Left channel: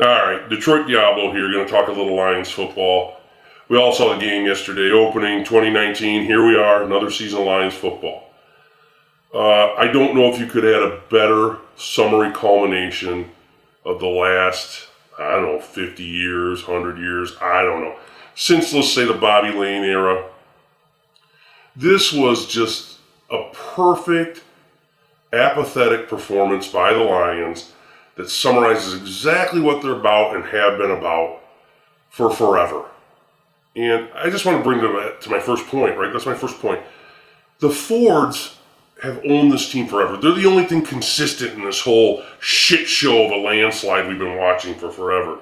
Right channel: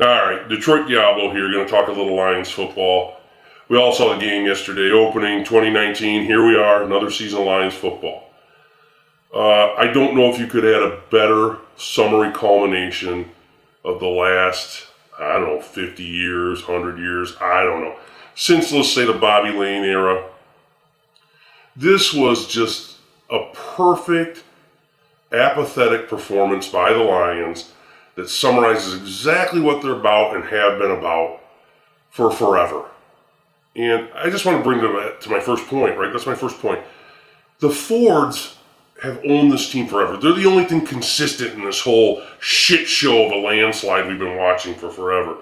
All right, Detroit Diablo here. Going to talk a little Lions football. We all saw the game yesterday, opening 2019. Here we are, another season of Lions football. I don't know if you could add a better summary culmination of the last, 50 years, 100 years, I don't know. Since, let's say, the Bobby Lane era. This was just a perfect, apathetic performance by the Lions that summarizes exactly what they're about and have been about for forever. And I just want to bring to my first point, right? That's my first point. The Fords have owned this team forever. They're the only thing consistent in this whole shit show of a landslide we've been watching for forever.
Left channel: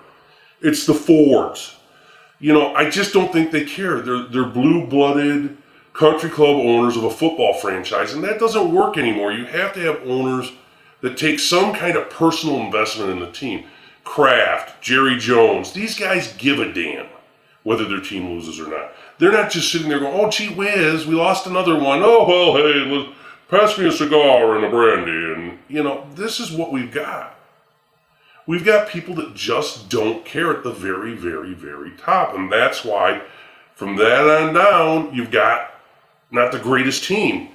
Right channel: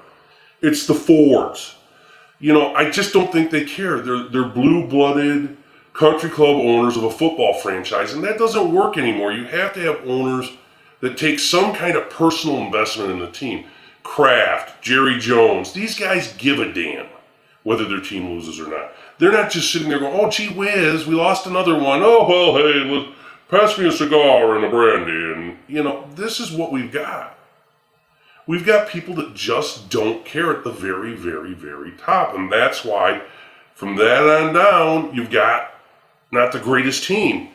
It's the Fords. I just don't think they care. They're blue-blooded country club owners of a football franchise, and that doesn't work anymore. You have to have owners that take some kind of personal investment in the team. Kraft, Jerry Jones, these guys give a damn whether their team loses or not. They're not just sitting there going, oh, gee whiz, we lost another one. Oh, well, hey, pass me a cigar and a brandy. And, this is what we've got. We've got people that just don't care at the very, very, very top. And that's why, from that on down, you've got not the greatest team.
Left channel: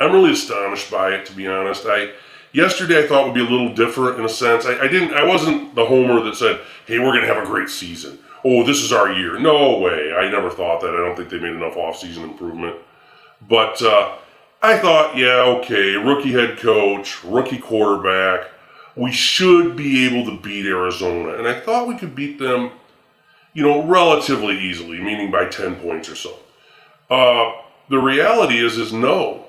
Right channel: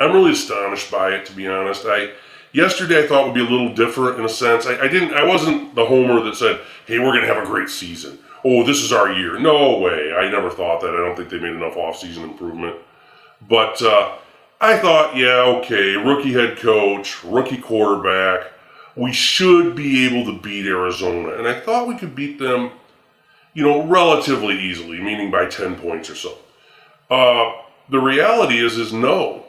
I'm really astonished by it, to be honest. Yesterday I thought would be a little different in a sense. I wasn't the homer that said, hey, we're going to have a great season. Oh, this is our year. No way. I never thought that. I don't think they made enough off-season improvement. But I thought, yeah, okay, rookie head coach, rookie quarterback. We should be able to beat Arizona. And I thought we could beat them, relatively easily, meaning by 10 points or so. The reality is no.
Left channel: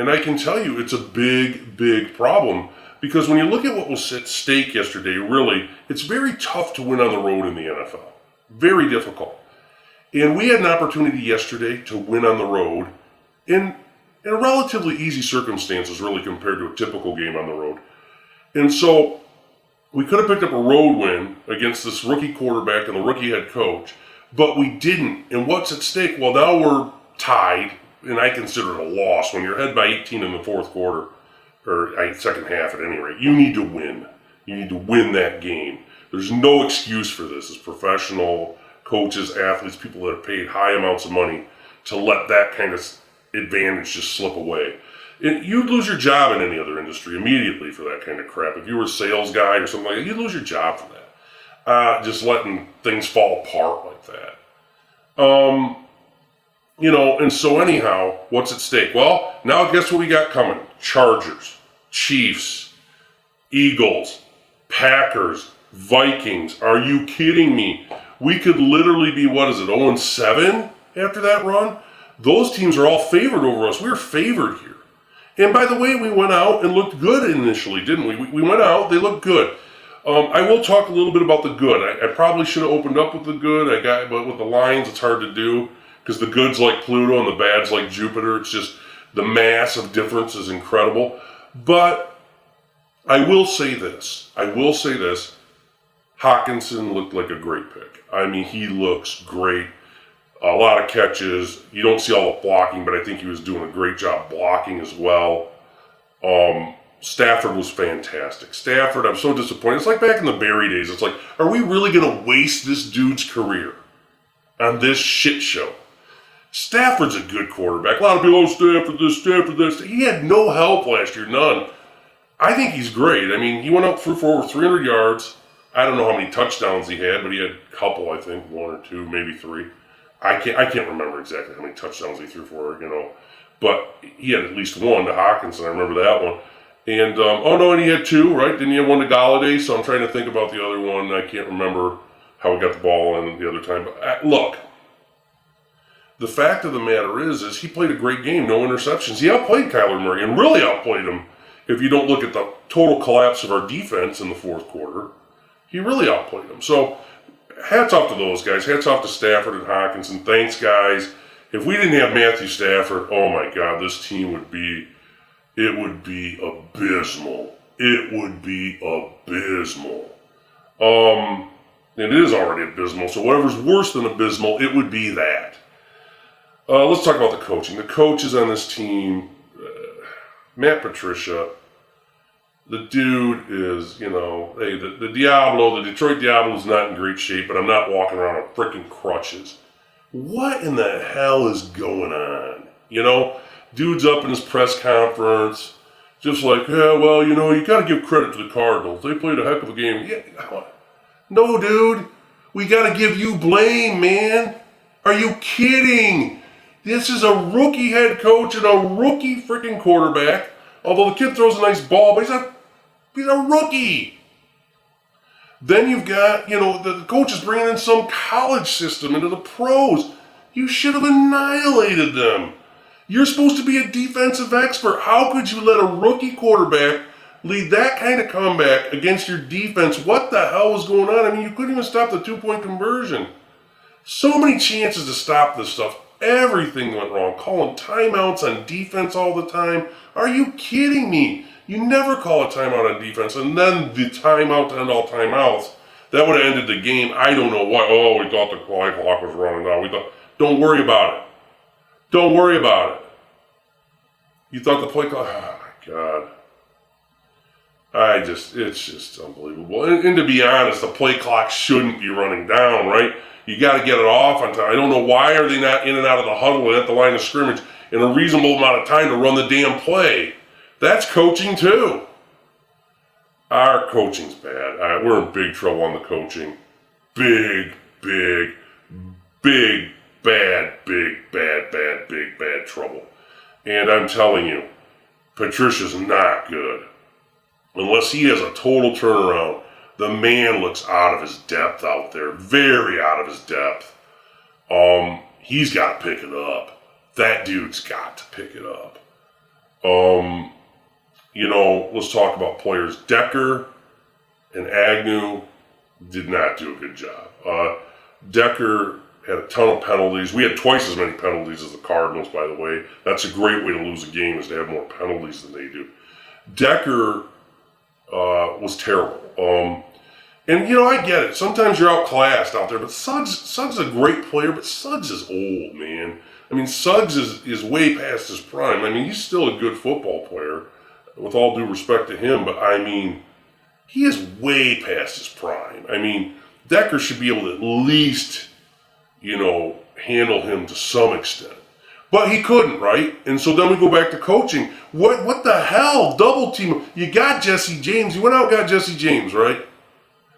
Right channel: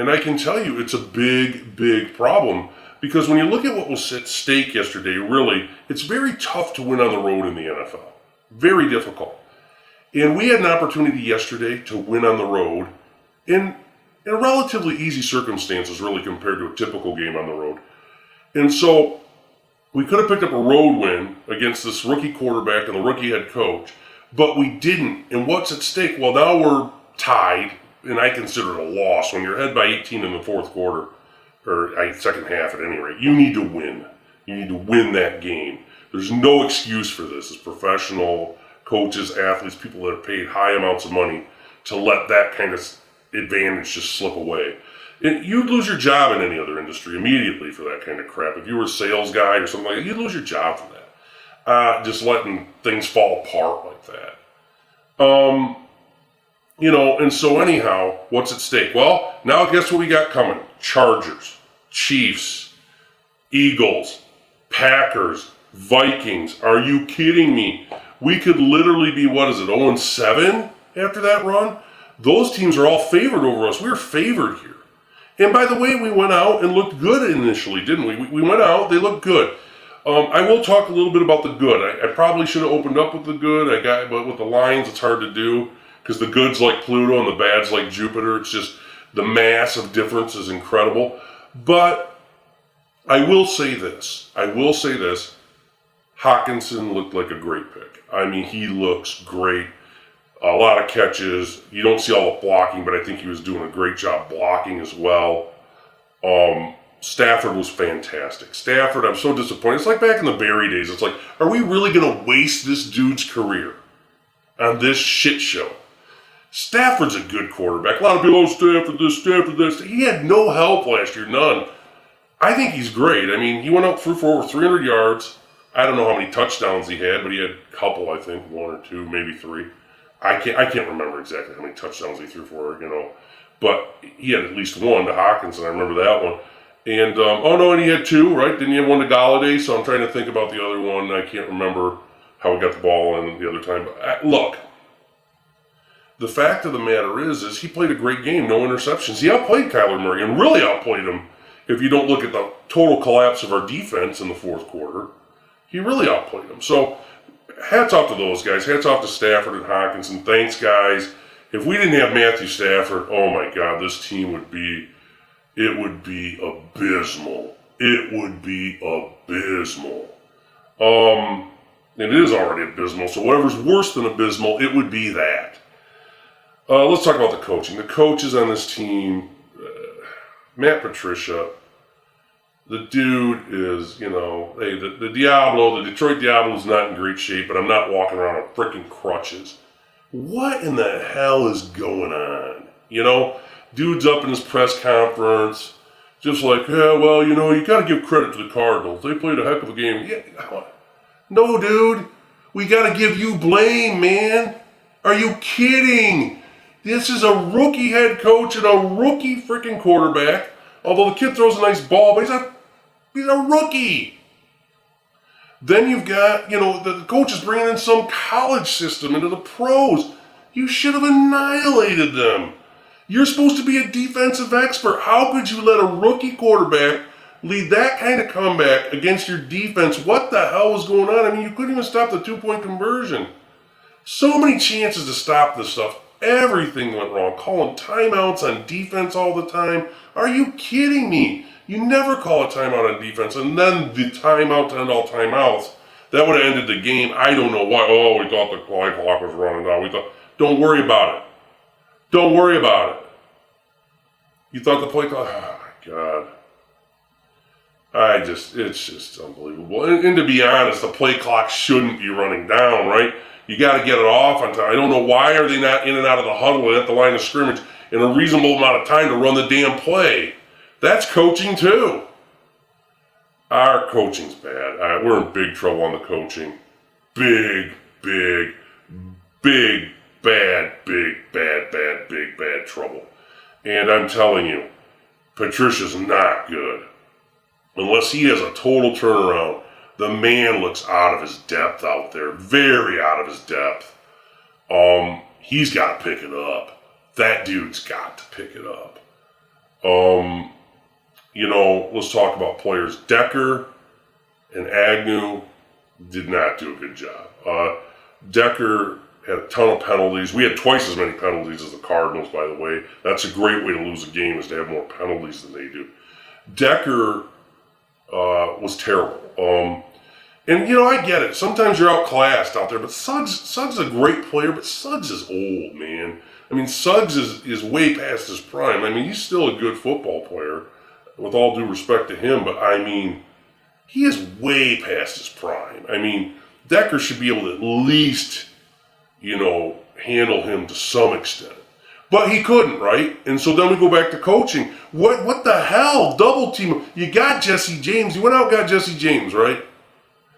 And I can tell you it's a big, big problem because when you look at what was at stake yesterday, really, it's very tough to win on the road in the NFL. Very difficult. And we had an opportunity yesterday to win on the road in relatively easy circumstances, really, compared to a typical game on the road. And so we could have picked up a road win against this rookie quarterback and a rookie head coach, but we didn't. And what's at stake? Well, now we're tied. And I consider it a loss when you're ahead by 18 in the fourth quarter, or second half at any rate. You need to win. You need to win that game. There's no excuse for this as professional coaches, athletes, people that have paid high amounts of money to let that kind of advantage just slip away. And you'd lose your job in any other industry immediately for that kind of crap. If you were a sales guy or something like that, you'd lose your job for that. Just letting things fall apart like that. And so anyhow, what's at stake? Well, now guess what we got coming? Chargers, Chiefs, Eagles, Packers, Vikings. Are you kidding me? We could literally be, 0-7 after that run? Those teams are all favored over us. We're favored here. And by the way, we went out and looked good initially, didn't we? We went out, they looked good. I will talk a little bit about the good. I probably should have opened up with the good. But with the Lions, it's hard to do. Because the good's like Pluto and the bad's like Jupiter. It's just the massive difference is incredible. But I will say this. Hawkinson looked like a great pick. I mean, he looks great. A lot of catches. You don't see all the blocking, but I think he was doing a great job blocking as well. Stafford was fantastic. Stafford, I'm so disappointed. It's like back in the Barry days. It's like, are we really going to waste this dude's career on this shit show? Stafford's a good quarterback. A lot of people, Stafford this, Stafford that. He had no help last year, none. I think he's great. I mean, he went out for over 300 yards. I don't know how many touchdowns he had, but he had a couple, I think, 1 or 2, maybe 3. I can't remember exactly how many touchdowns he threw for, But he had at least one to Hawkinson. I remember that one. And, and he had 2, right? Didn't he have one to Galladay? So I'm trying to think about the other one. I can't remember how he got the ball on the other time. But look. The fact of the matter is he played a great game, no interceptions. He outplayed Kyler Murray and really outplayed him. If you don't look at the total collapse of our defense in the fourth quarter, he really outplayed him. So hats off to those guys. Hats off to Stafford and Hawkinson. Thanks, guys. If we didn't have Matthew Stafford, oh my God, this team would be abysmal. It would be abysmal. It is already abysmal, so whatever's worse than abysmal, it would be that. Let's talk about the coaching. The coaches on this team, Matt Patricia, The dude is, hey, the Detroit Diablo is not in great shape, but I'm not walking around on freaking crutches. What in the hell is going on? Dude's up in his press conference, just like, yeah, well, you got to give credit to the Cardinals. They played a heck of a game. Yeah, no, dude, we got to give you blame, man. Are you kidding? This is a rookie head coach and a rookie freaking quarterback. Although the kid throws a nice ball, but he's a rookie. Then you've got, the coach is bringing in some college system into the pros. You should have annihilated them. You're supposed to be a defensive expert. How could you let a rookie quarterback lead that kind of comeback against your defense? What the hell was going on? I mean, you couldn't even stop the 2-point conversion. So many chances to stop this stuff. Everything went wrong. Calling timeouts on defense all the time. Are you kidding me? You never call a timeout on defense, and then the timeout to end all timeouts. That would have ended the game. I don't know why. Oh, we thought the play clock was running down. Don't worry about it. Don't worry about it. You thought the play clock... Oh, my God. It's just unbelievable. And to be honest, the play clock shouldn't be running down, right? You got to get it off on time. I don't know why are they not in and out of the huddle at the line of scrimmage in a reasonable amount of time to run the damn play. That's coaching too. Our coaching's bad. We're in big trouble on the coaching. Big, bad trouble. And I'm telling you, Patricia's not good. Unless he has a total turnaround, the man looks out of his depth out there. Very out of his depth. He's got to pick it up. That dude's got to pick it up. Let's talk about players. Decker and Agnew did not do a good job. Decker had a ton of penalties. We had twice as many penalties as the Cardinals, by the way. That's a great way to lose a game, is to have more penalties than they do. Decker was terrible. And I get it. Sometimes you're outclassed out there, but Suggs is a great player, but Suggs is old, man. I mean, Suggs is way past his prime. I mean, he's still a good football player, with all due respect to him, but I mean, he is way past his prime. I mean, Decker should be able to at least, handle him to some extent. But he couldn't, right? And so then we go back to coaching. What the hell? Double team. You got Jesse James. You went out and got Jesse James, right?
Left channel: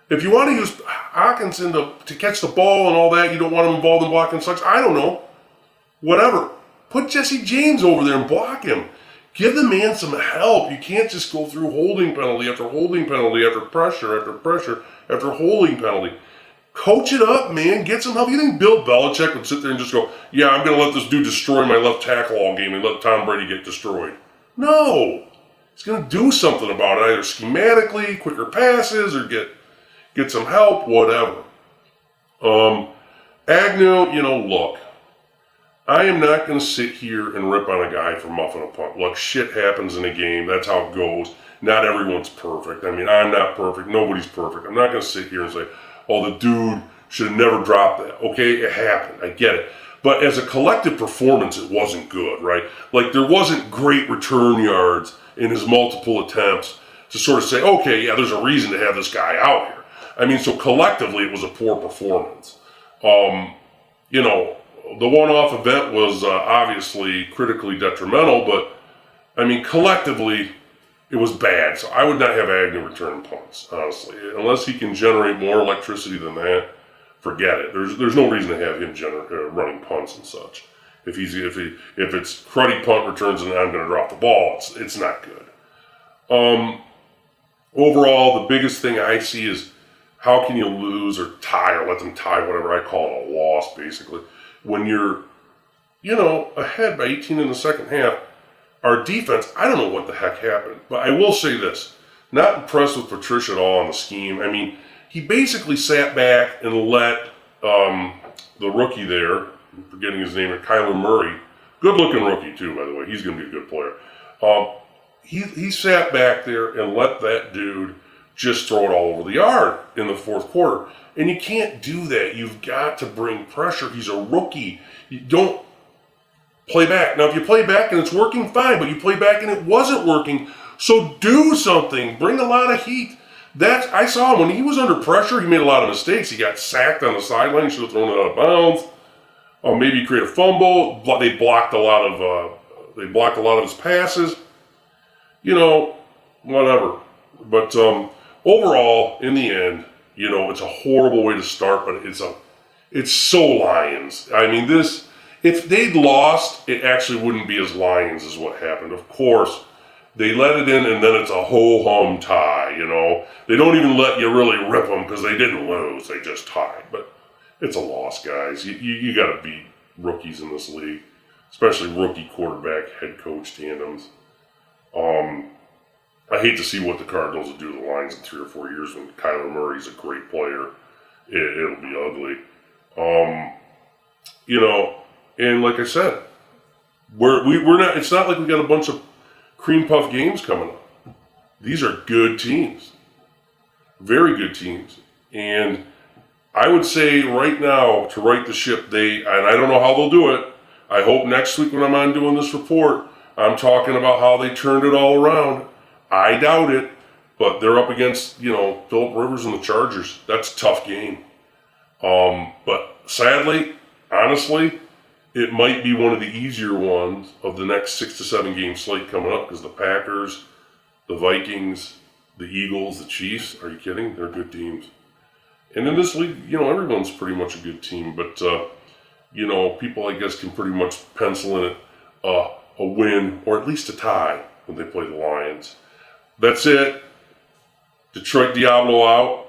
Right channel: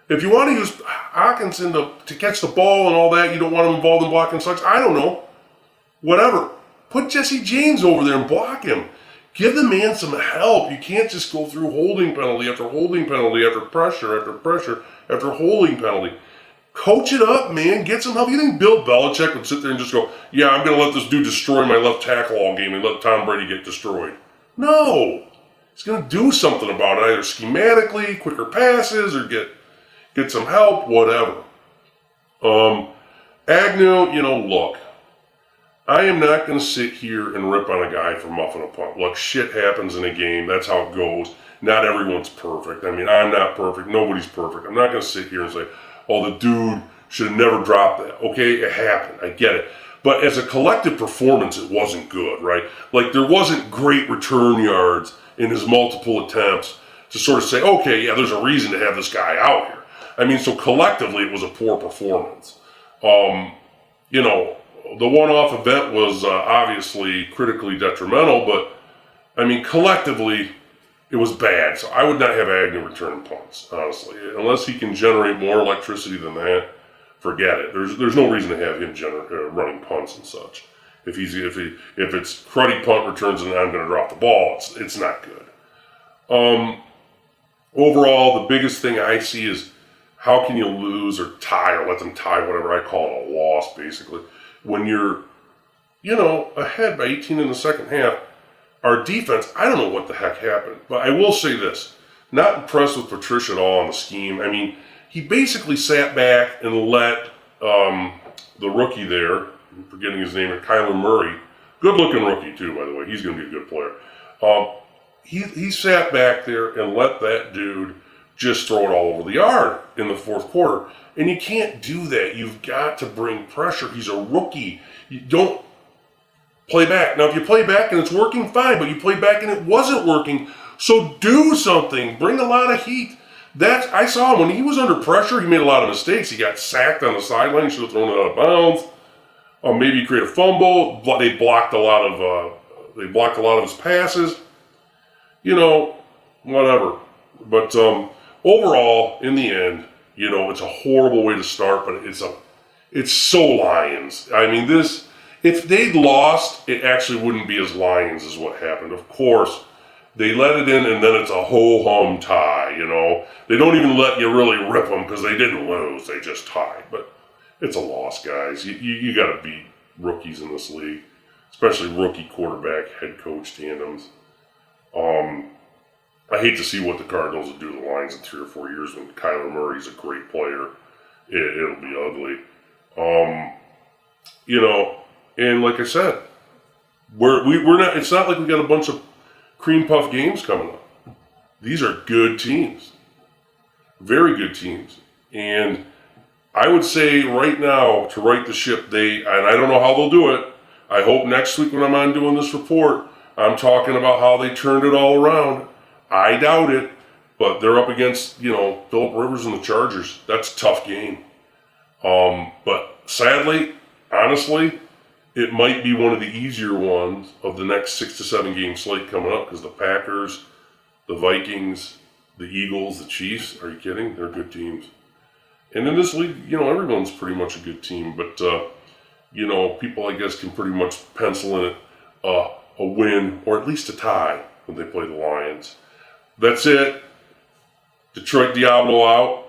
If you want to use Hawkinson to catch the ball and all that, you don't want him involved in blocking Suggs, I don't know. Whatever. Put Jesse James over there and block him. Give the man some help. You can't just go through holding penalty after holding penalty after pressure after pressure after holding penalty. Coach it up, man. Get some help. You think Bill Belichick would sit there and just go, yeah, I'm going to let this dude destroy my left tackle all game and let Tom Brady get destroyed? No. He's going to do something about it, either schematically, quicker passes, or get some help, whatever. Agnew, look. I am not going to sit here and rip on a guy for muffing a punt. Look, shit happens in a game. That's how it goes. Not everyone's perfect. I mean, I'm not perfect. Nobody's perfect. I'm not going to sit here and say, oh, the dude should have never dropped that. Okay, it happened. I get it. But as a collective performance, it wasn't good, right? Like, there wasn't great return yards in his multiple attempts to sort of say, okay, yeah, there's a reason to have this guy out here. I mean, so collectively, it was a poor performance. The one-off event was obviously critically detrimental, but, I mean, collectively, it was bad. So I would not have Agnew return punts, honestly. Unless he can generate more electricity than that, forget it. There's no reason to have him running punts and such. If it's cruddy punt returns and I'm going to drop the ball, it's not good. Overall, the biggest thing I see is how can you lose or tie or let them tie, whatever I call it, a loss, basically. When you're, ahead by 18 in the second half, our defense, I don't know what the heck happened, but I will say this. Not impressed with Patricia at all on the scheme. I mean, he basically sat back and let the rookie there, I'm forgetting his name, Kyler Murray, good-looking rookie too, by the way. He's going to be a good player. He sat back there and let that dude just throw it all over the yard in the fourth quarter. And you can't do that. You've got to bring pressure. He's a rookie. You don't play back. Now, if you play back and it's working, fine, but you play back and it wasn't working, so do something. Bring a lot of heat. I saw him when he was under pressure. He made a lot of mistakes. He got sacked on the sideline. Should have thrown it out of bounds. Maybe create a fumble. They blocked a lot of his passes. Whatever. But overall, in the end, it's a horrible way to start. But it's so Lions. I mean, if they'd lost, it actually wouldn't be as Lions as what happened. Of course, they let it in, and then it's a ho-hum tie. They don't even let you really rip them because they didn't lose; they just tied. But it's a loss, guys. You got to beat rookies in this league, especially rookie quarterback head coach tandems. I hate to see what the Cardinals will do to the Lions in 3 or 4 years when Kyler Murray's a great player. It'll be ugly. And like I said, we're not. It's not like we got a bunch of cream puff games coming up. These are good teams, very good teams, and I would say right now to right the ship. And I don't know how they'll do it. I hope next week when I'm on doing this report, I'm talking about how they turned it all around. I doubt it, but they're up against Phillip Rivers and the Chargers. That's a tough game. But sadly, honestly, it might be one of the easier ones of the next 6 to 7 game slate coming up because the Packers, the Vikings, the Eagles, the Chiefs, are you kidding? They're good teams. And in this league, everyone's pretty much a good team. But, people, I guess, can pretty much pencil in it a win or at least a tie when they play the Lions. That's it. Detroit Diablo out.